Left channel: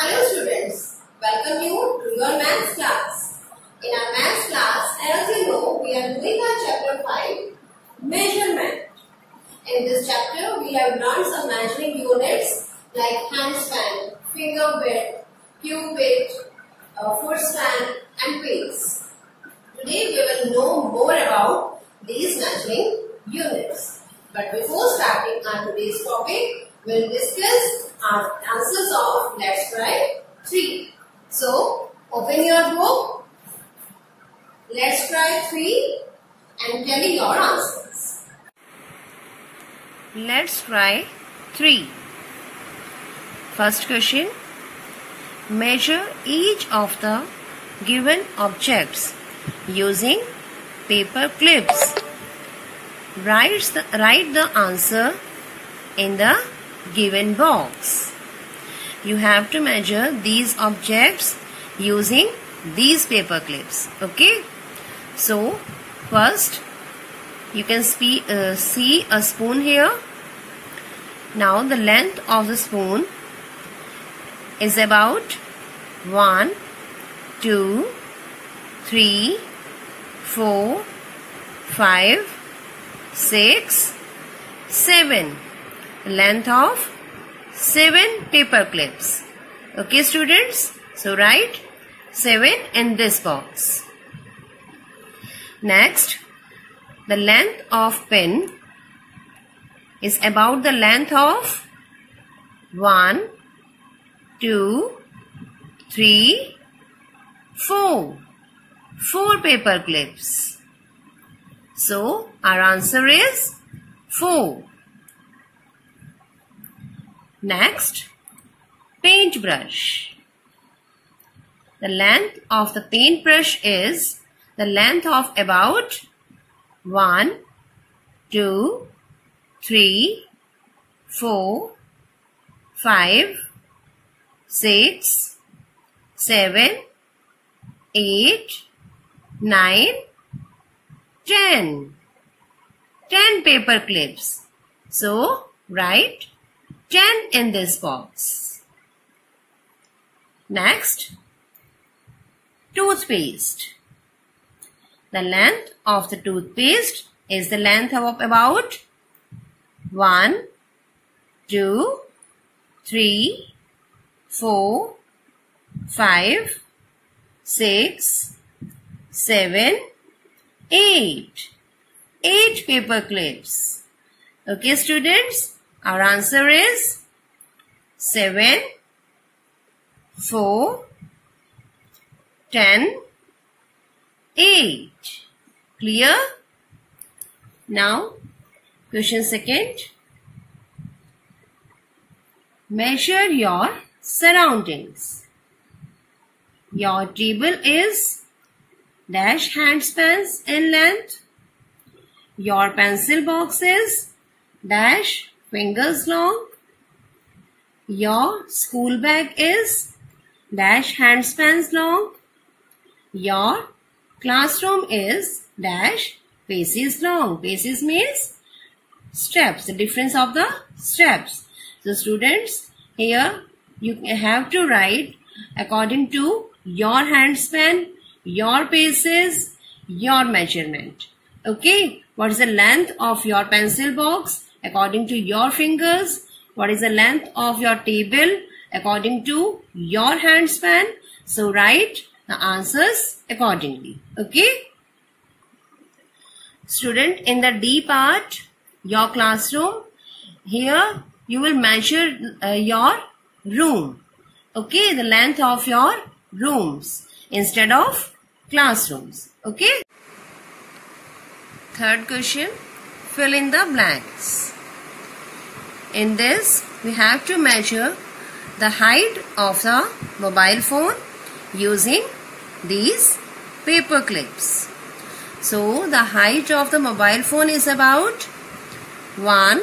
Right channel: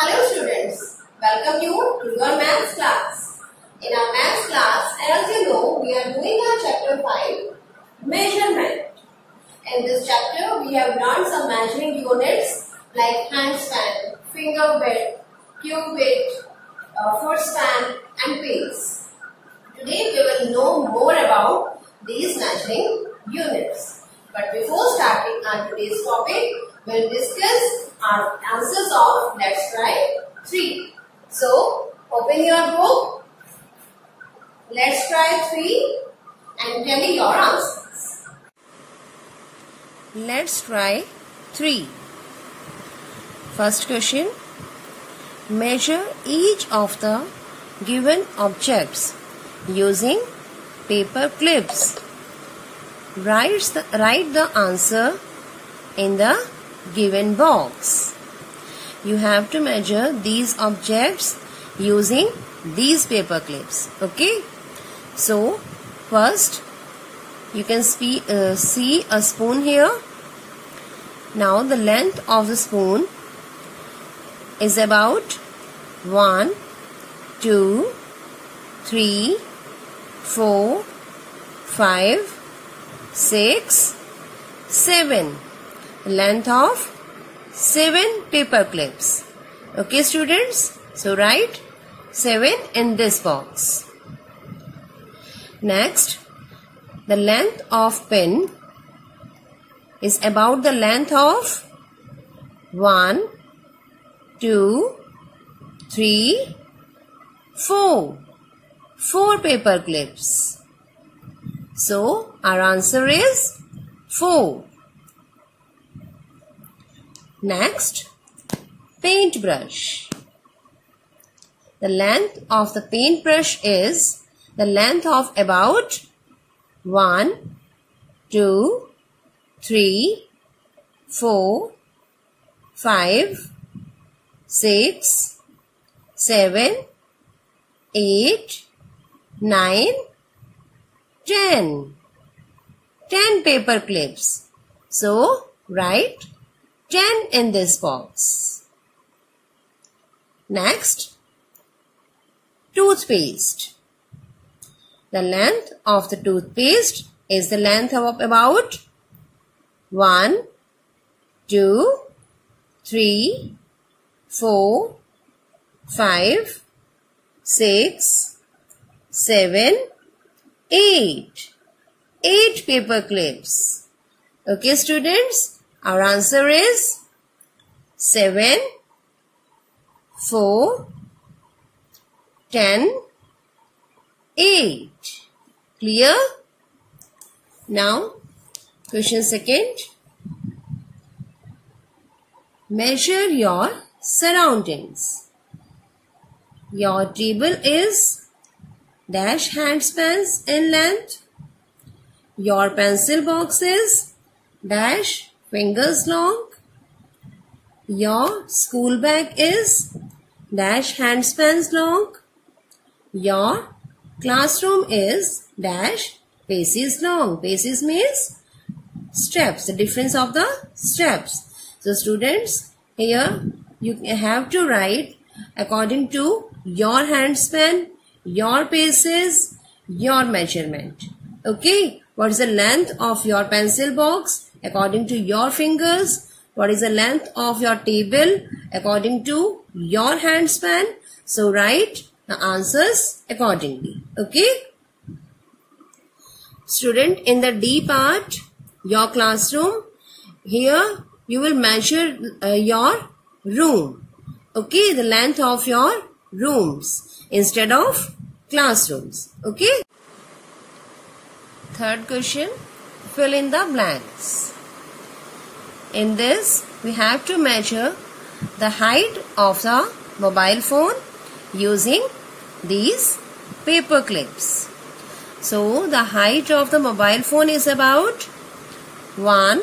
Hello students, welcome you to your maths class. In our maths class, as you know, we are doing our chapter 5, measurement. In this chapter, we have learned some measuring units like handspan, finger width, cubit, foot span and pace. Today, we will know more about these measuring units. But before starting our today's topic, we will discuss our answers of Let's Try 3. So, open your book, Let's Try 3 and tell me your answers. Let's try 3. First question. Measure each of the given objects using paper clips. Write the answer in the given box. You have to measure these objects using these paper clips. Okay. So, first you can see a spoon here. Now the length of the spoon is about 1, 2, 3, 4, 5, 6, 7. Length of 7 paper clips. Okay students, so write 7 in this box. Next, the length of pen is about the length of 1, 2, 3, 4. 4 paper clips. So, our answer is 4. Next, paintbrush. The length of the paintbrush is the length of about 1, 2, 3, 4, 5, 6, 7, 8, 9, 10. 10 paper clips. So, write 10 in this box. Next, toothpaste. The length of the toothpaste is the length of about 1, 2, 3, 4, 5, 6, 7, 8. 8 paper clips. Okay students, our answer is 7, 4, 10, 8. Clear? Now, question second. Measure your surroundings. Your table is dash handspans in length. Your pencil box is dash fingers long. Your school bag is dash handspans long. Your classroom is dash paces long. Paces means steps, the difference of the steps. So students, here you have to write according to your handspan, your paces, your measurement. Okay, what is the length of your pencil box according to your fingers? What is the length of your table according to your handspan? So write the answers accordingly. Okay. Student, in the D part, your classroom, here you will measure your room. Okay, the length of your rooms instead of classrooms. Okay. Third question, fill in the blanks. In this, we have to measure the height of the mobile phone using these paper clips. So, the height of the mobile phone is about 1,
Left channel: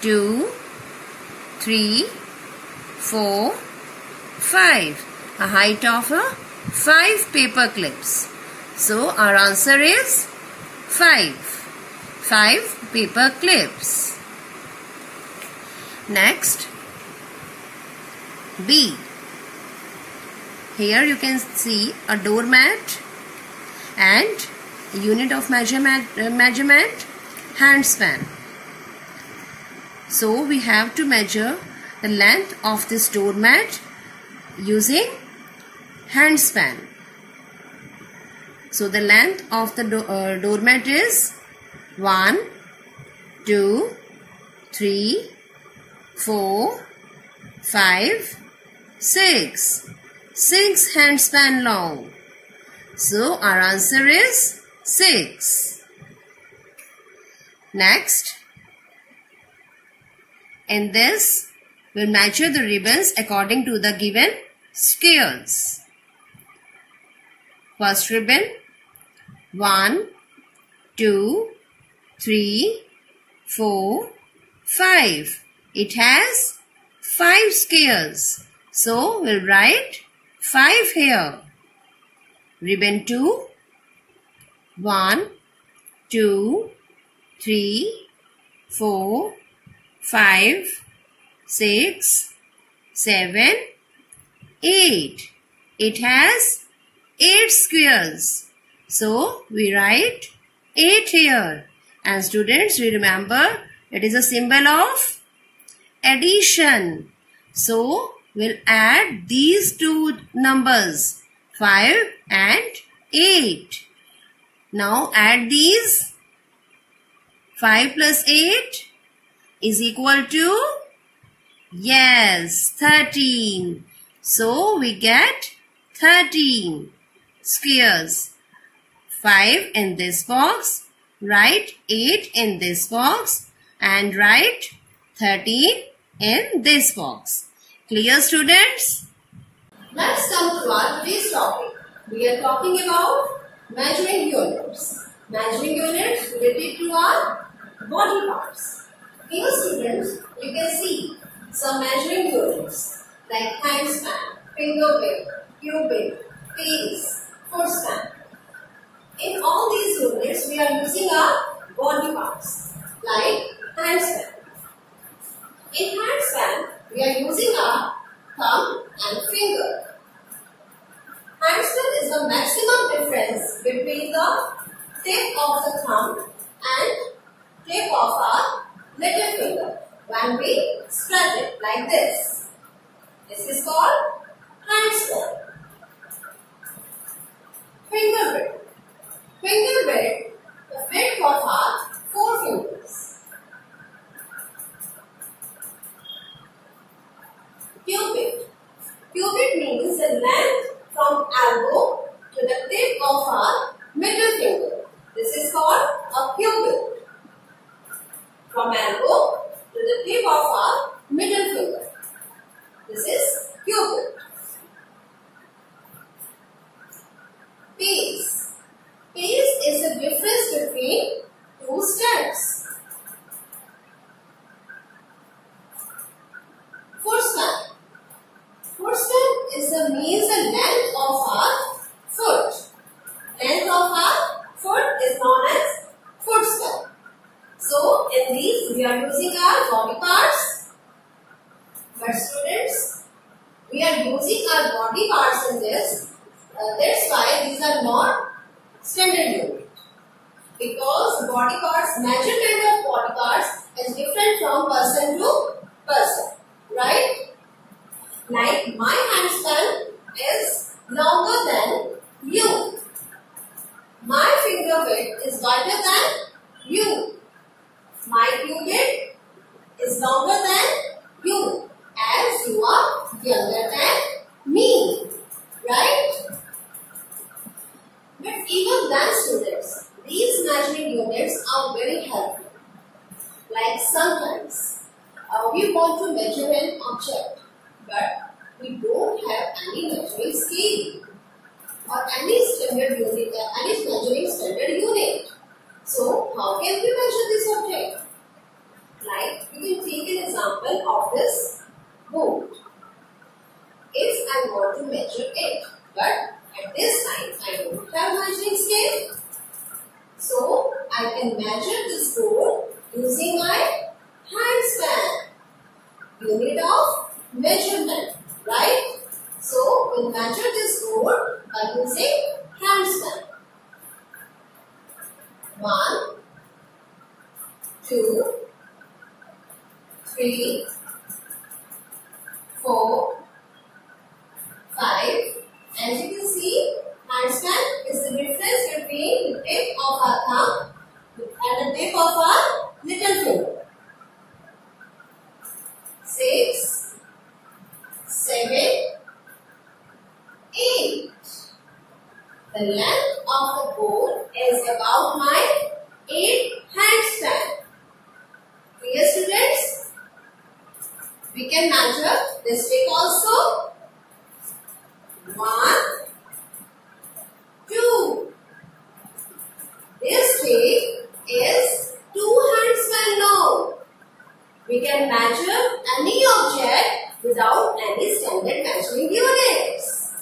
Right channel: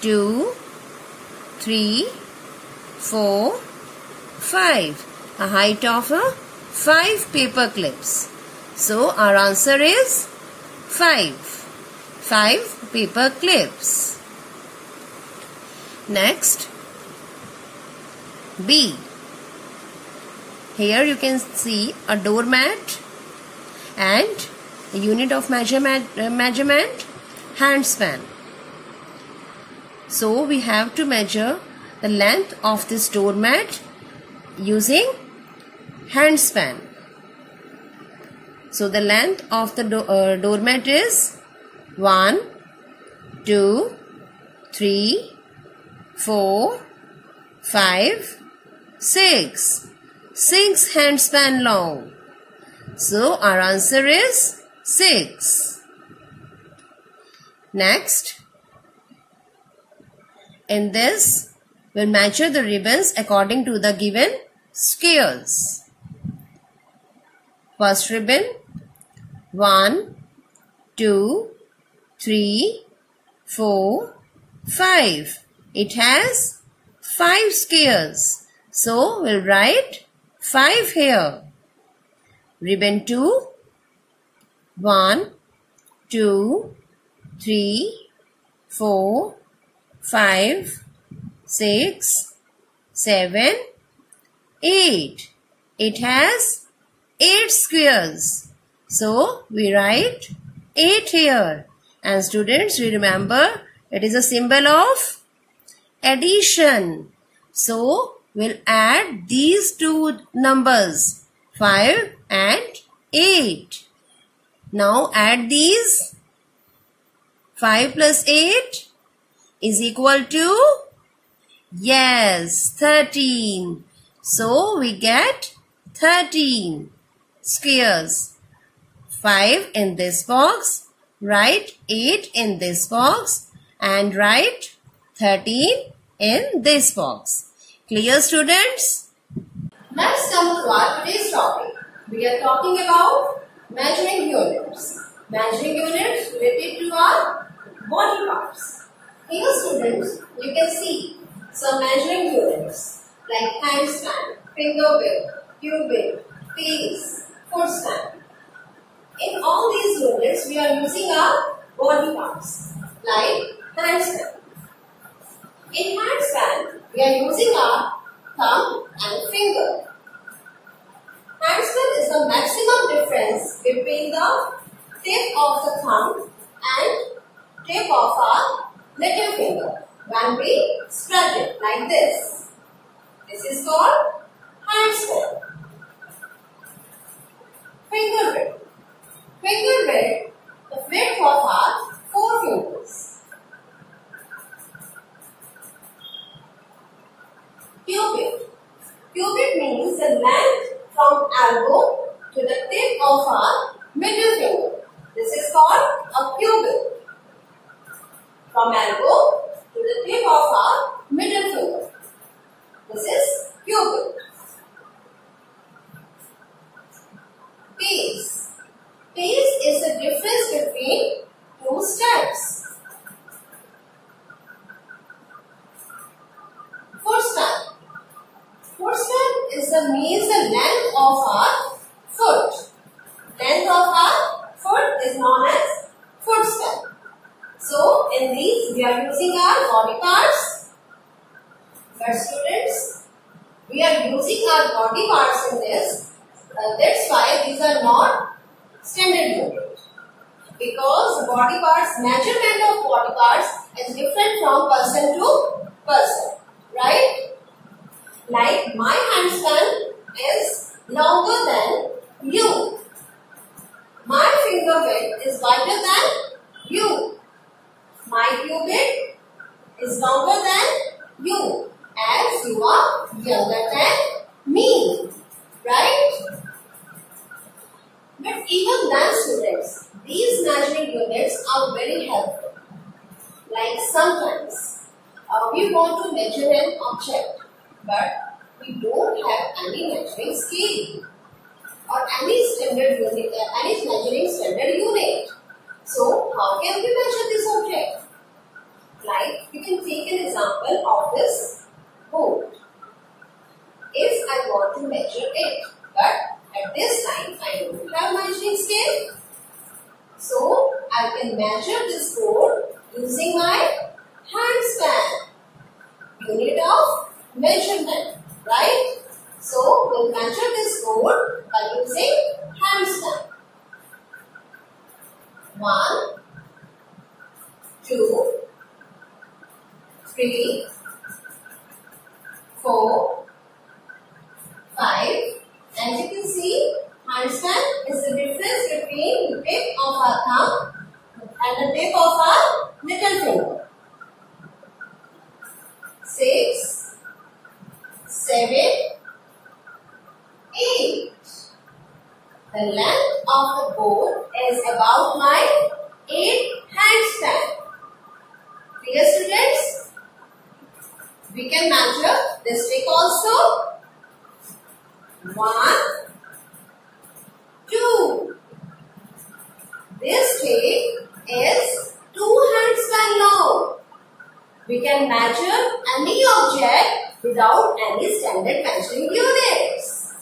2, 3, 4, 5. A height of 5 paper clips. So, our answer is 5. 5 paper clips. Next, B. Here you can see a doormat and a unit of measurement handspan. So we have to measure the length of this doormat using handspan. So the length of the doormat is 1, 2, 3, 4, 5, 6. 6 handspan long. So our answer is 6. Next, in this, we'll measure the ribbons according to the given scales. First ribbon, 1, 2, 3, 4, 5. It has 5 scales. So we'll write 5 here. Ribbon 2, 1, 2, 3, 4, 5, 6, 7, 8. It has 8 squares. So we write 8 here. And students, we remember it is a symbol of addition. So we'll add these two numbers, 5 and 8. Now add these. 5 plus 8 is equal to, yes, 13. So we get 13 squares. 5 in this box, write 8 in this box, and write 13 in this box. Clear, students? Let's come to our today's topic. We are talking about measuring units. Measuring units related to our body parts. Here, students, you can see some measuring units like handspan, finger width, cubit, pace, foot stamp. In all these units, we are using our body parts like handspan. In handspan, we are using our thumb and finger. Handspan is the maximum difference between the tip of the thumb and tip of our little finger when we spread it like this. This is called handspan. Finger width. Finger width, the width of our 4 fingers. Cubit. Cubit means the length from elbow to the tip of our middle finger. This is called a cubit. From elbow to the tip of our middle finger. This is cubit. Pace. Pace is the difference between 2 steps. Foot stamp. Foot stamp is means the length of our foot. Length of our foot is known as foot stamp. So in these we are using our body parts. But students, we are using our body parts in this. That's why these are not standard unit. Because body parts, measurement of body parts is different from person to person. Right? Like my handspan is longer than you. My finger width is wider than you. My cubit is longer than you, as you are younger than me. Right? But even then, students, these measuring units are very helpful. Like sometimes we want to measure an object, but we don't have any measuring scale or any standard unit, any measuring standard unit. So how can we measure this object? Like we can take an example of this boat. If I want to measure it, but at this time I don't have measuring scale, so I can measure this board using my handspan, unit of measurement, right? So we'll measure this by using handstand. 1, 2, 3, 4, 5. As you can see, handstand is the difference between the tip of our thumb and the tip of our little finger. 6, 7, 8. The length of the board is about my 8 handstand. Clear, students? We can measure this stick also. 1, 2. This stick is 2 handstand long. We can measure any object without any standard measuring units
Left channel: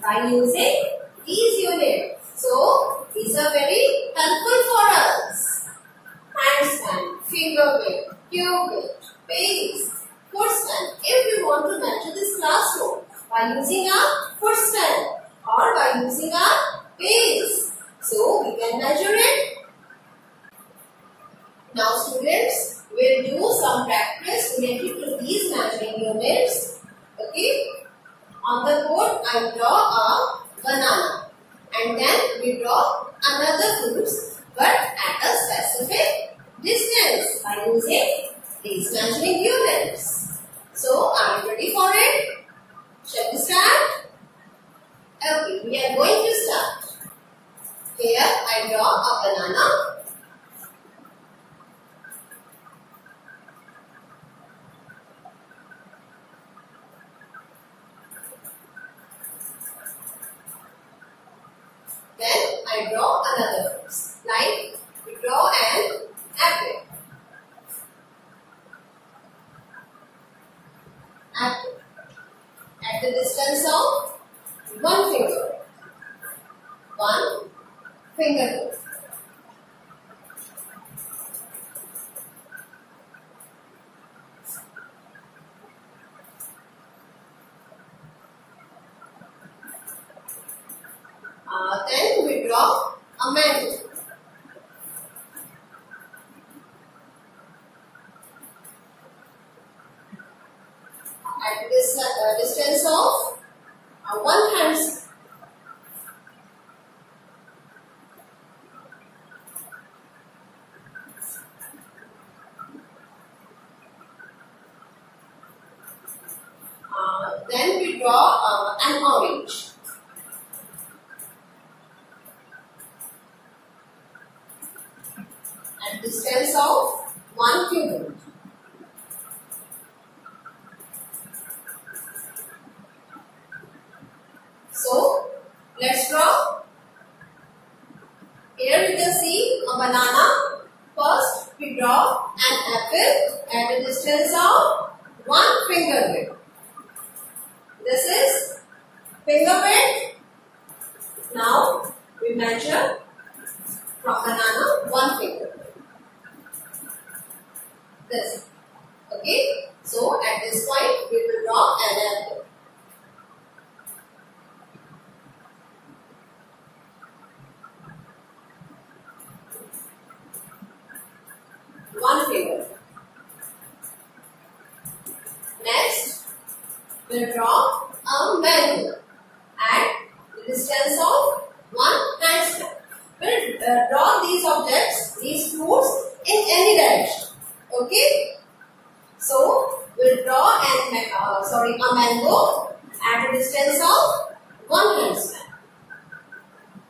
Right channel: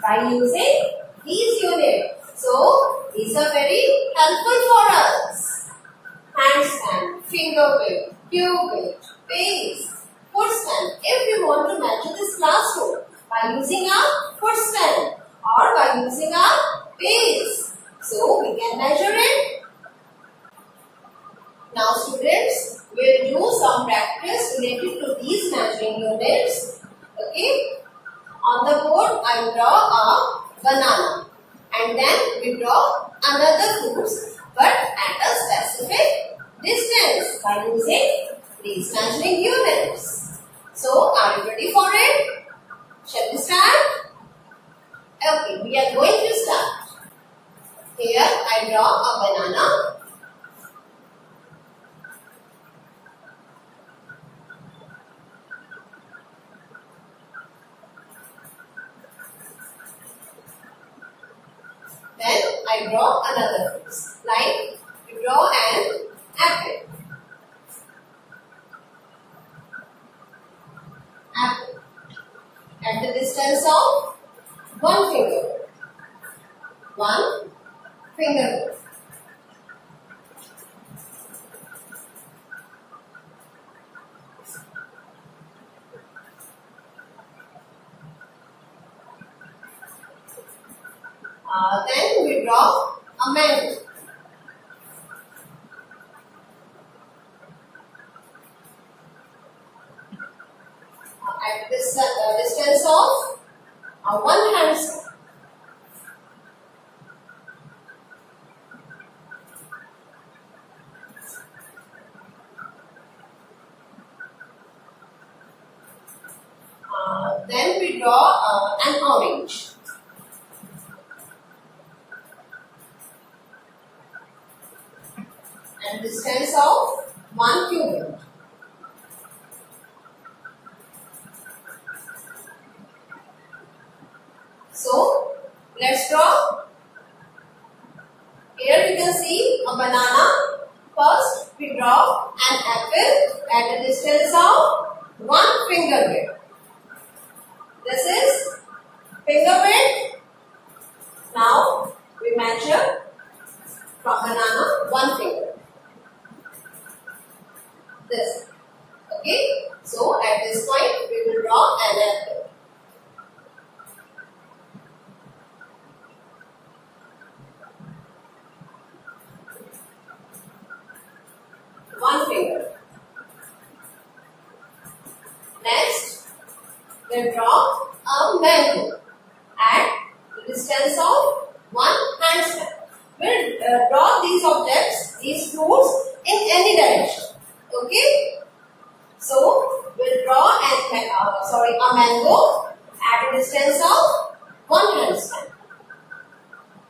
by using these units. So, these are very helpful for us. Handstand, finger width, cube width, pace, footstand. If we want to measure this classroom by using a footstand or by using a pace, so we can measure it. Now, students, we'll do some practice related to these measuring units. Okay? On the board, I draw a banana and then we draw another fruits but at a specific distance by using these measuring units. So, are you ready for it? Shall we start? Okay, we are going to start. Here, I draw a banana. Then I draw another fruit. Like we draw an apple. Apple. At the distance of 1 finger. 1 finger. Then we draw a mango. At this distance of 1 handstand. Then we draw an orange. At distance of 1 cubit. So, let's draw. Here you can see a banana. First, we draw an apple at a distance of 1 finger width. This is finger width. Now, we measure from banana 1 finger. This. Okay. So, at this point, we will draw an apple. One finger. Next, we'll draw a mango at the distance of 1 handstand. We'll draw these objects, these fruits in any direction. Okay? So, we'll draw a mango at a distance of 1 handstand.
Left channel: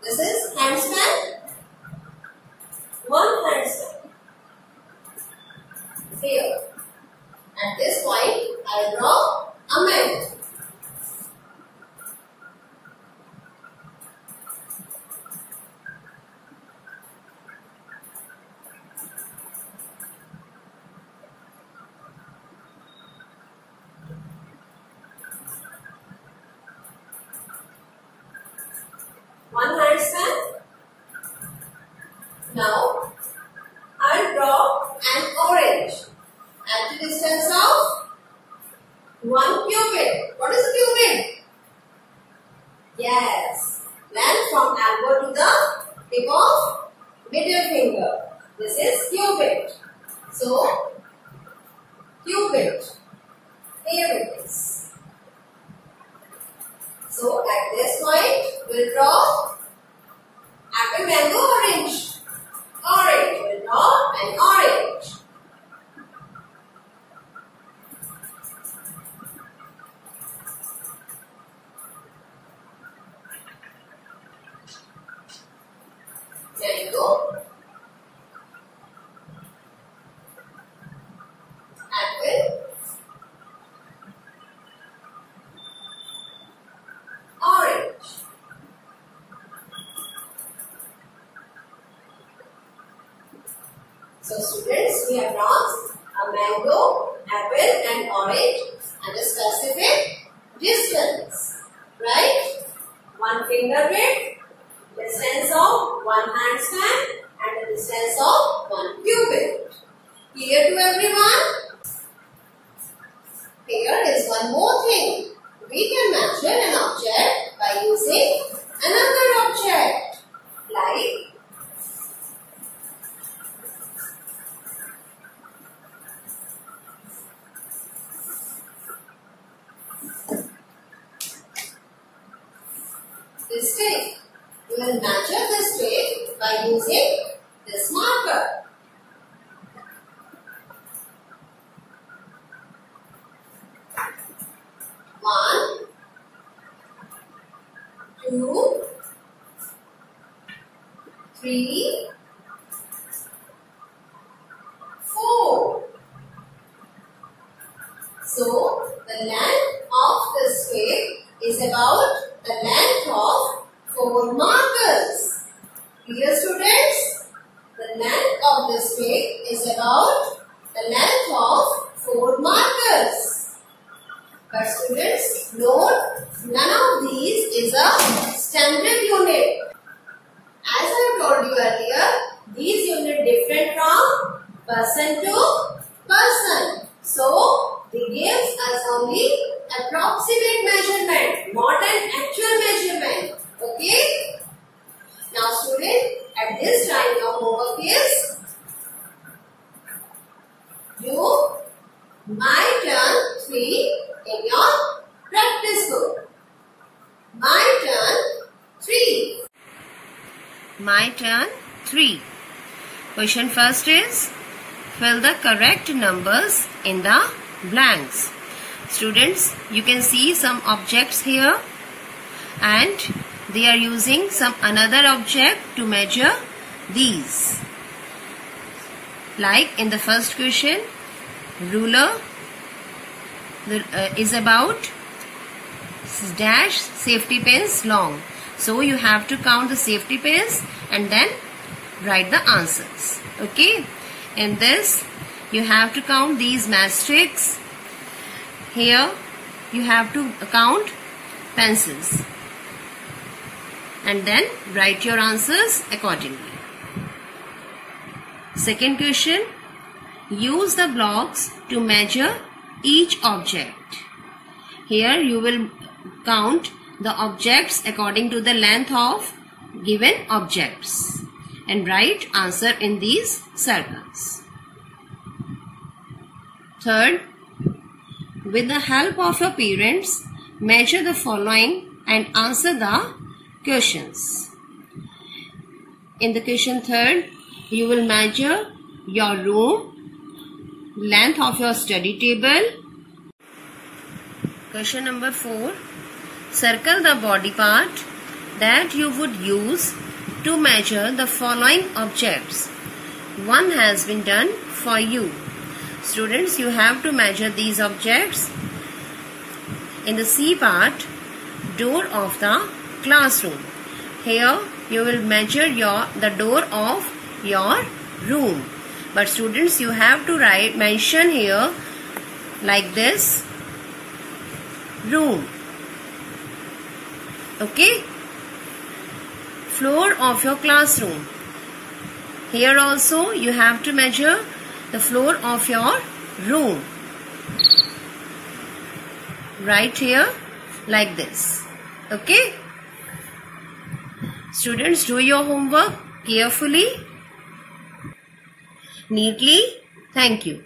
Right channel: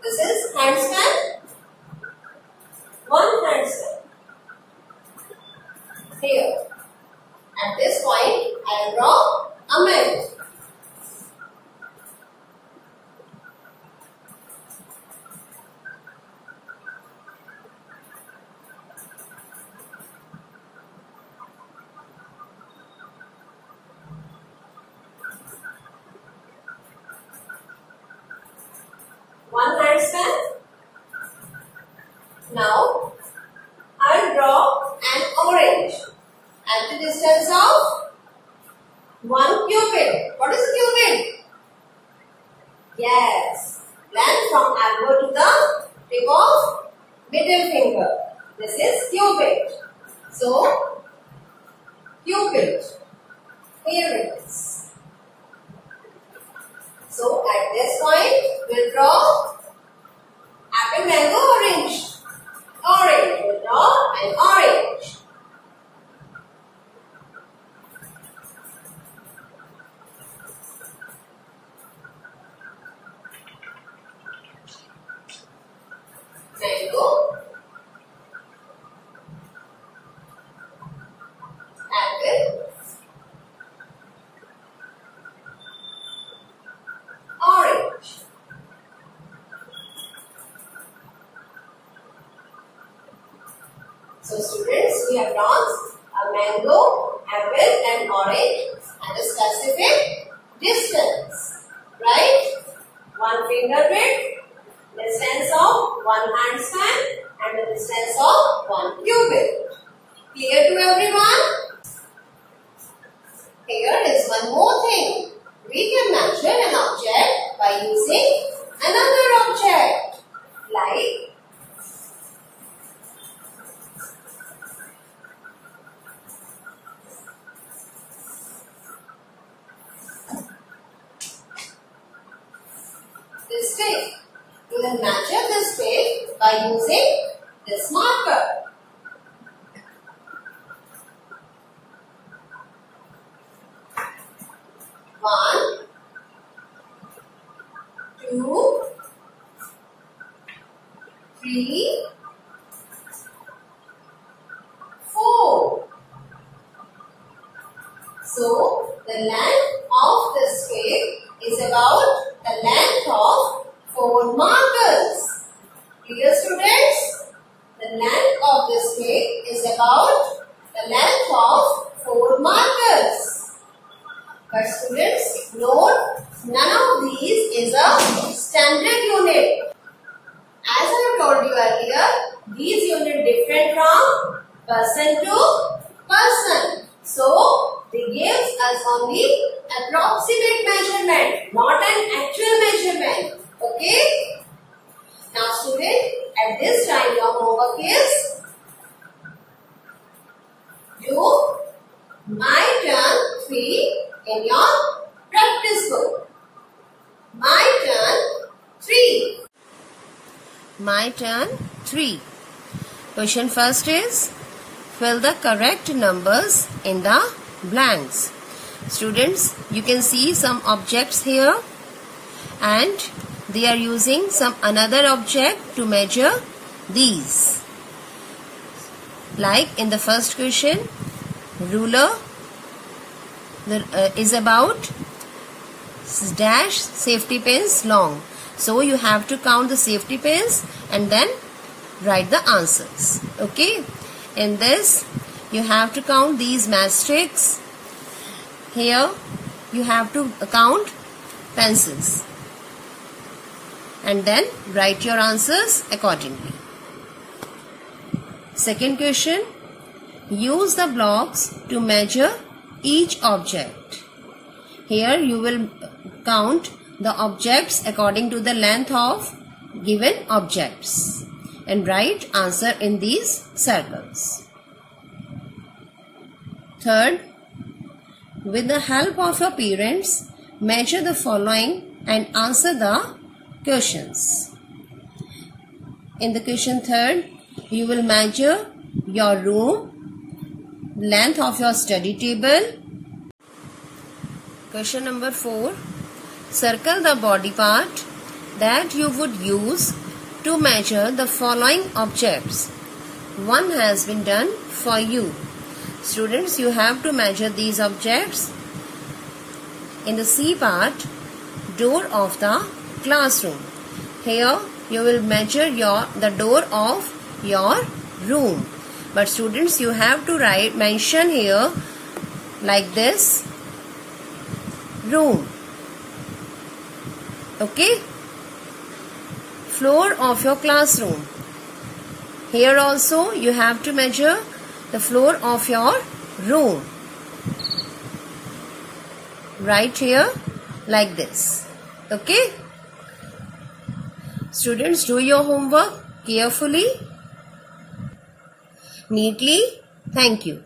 This is handstand, 1 handstand. Here, at this point, I will draw a mango. One handstand. Now, I will draw an orange at the distance of 1 cubit. What is a cubit? Yes, from elbow to the tip of middle finger. This is cupid. So, cupid. Here it is. So, at this point, we'll draw apple, mango, orange. Orange. We'll draw an orange. Mango. Apple. Orange. So students, we have drawn a mango, apple and orange and a specific distance. Right? 1 finger width, distance of 1 hand span and the distance of 1 cubit. Clear to everyone? Here is one more thing. We can measure an object by using another object like this stick. We will measure this stick by using this marker. One, 2, 3, 4. So, the length of this stick is about the length of 4 markers. Clear, students? The length of this stick is about the length of 4 markers. But students, note, none of these is a standard unit. As I told you earlier, these units different from person to person. So, they give us only approximate measurement, not an actual measurement. Okay? Now students, at this time your homework is do My Turn 3 in your practice book. My Turn 3. My turn 3. Question first is fill the correct numbers in the blanks. Students, you can see some objects here and they are using some another object to measure these. Like in the first question, ruler is about dash safety pins long. So you have to count the safety pins and then write the answers. Okay. In this, you have to count these matchsticks. Here, you have to count pencils. And then write your answers accordingly. Second question, use the blocks to measure each object. Here you will count the objects according to the length of given objects and write answer in these circles. Third, with the help of your parents, measure the following and answer the questions. In the question third, you will measure your room, length of your study table. Question number 4, circle the body part that you would use to measure the following objects. One has been done for you. Students, you have to measure these objects. In the C part, door of the classroom. Here you will measure the door of your room. But students, you have to mention here like this, room. Okay. Floor of your classroom. Here also you have to measure the floor of your room. Right here like this. Okay. Students, do your homework carefully, neatly. Thank you.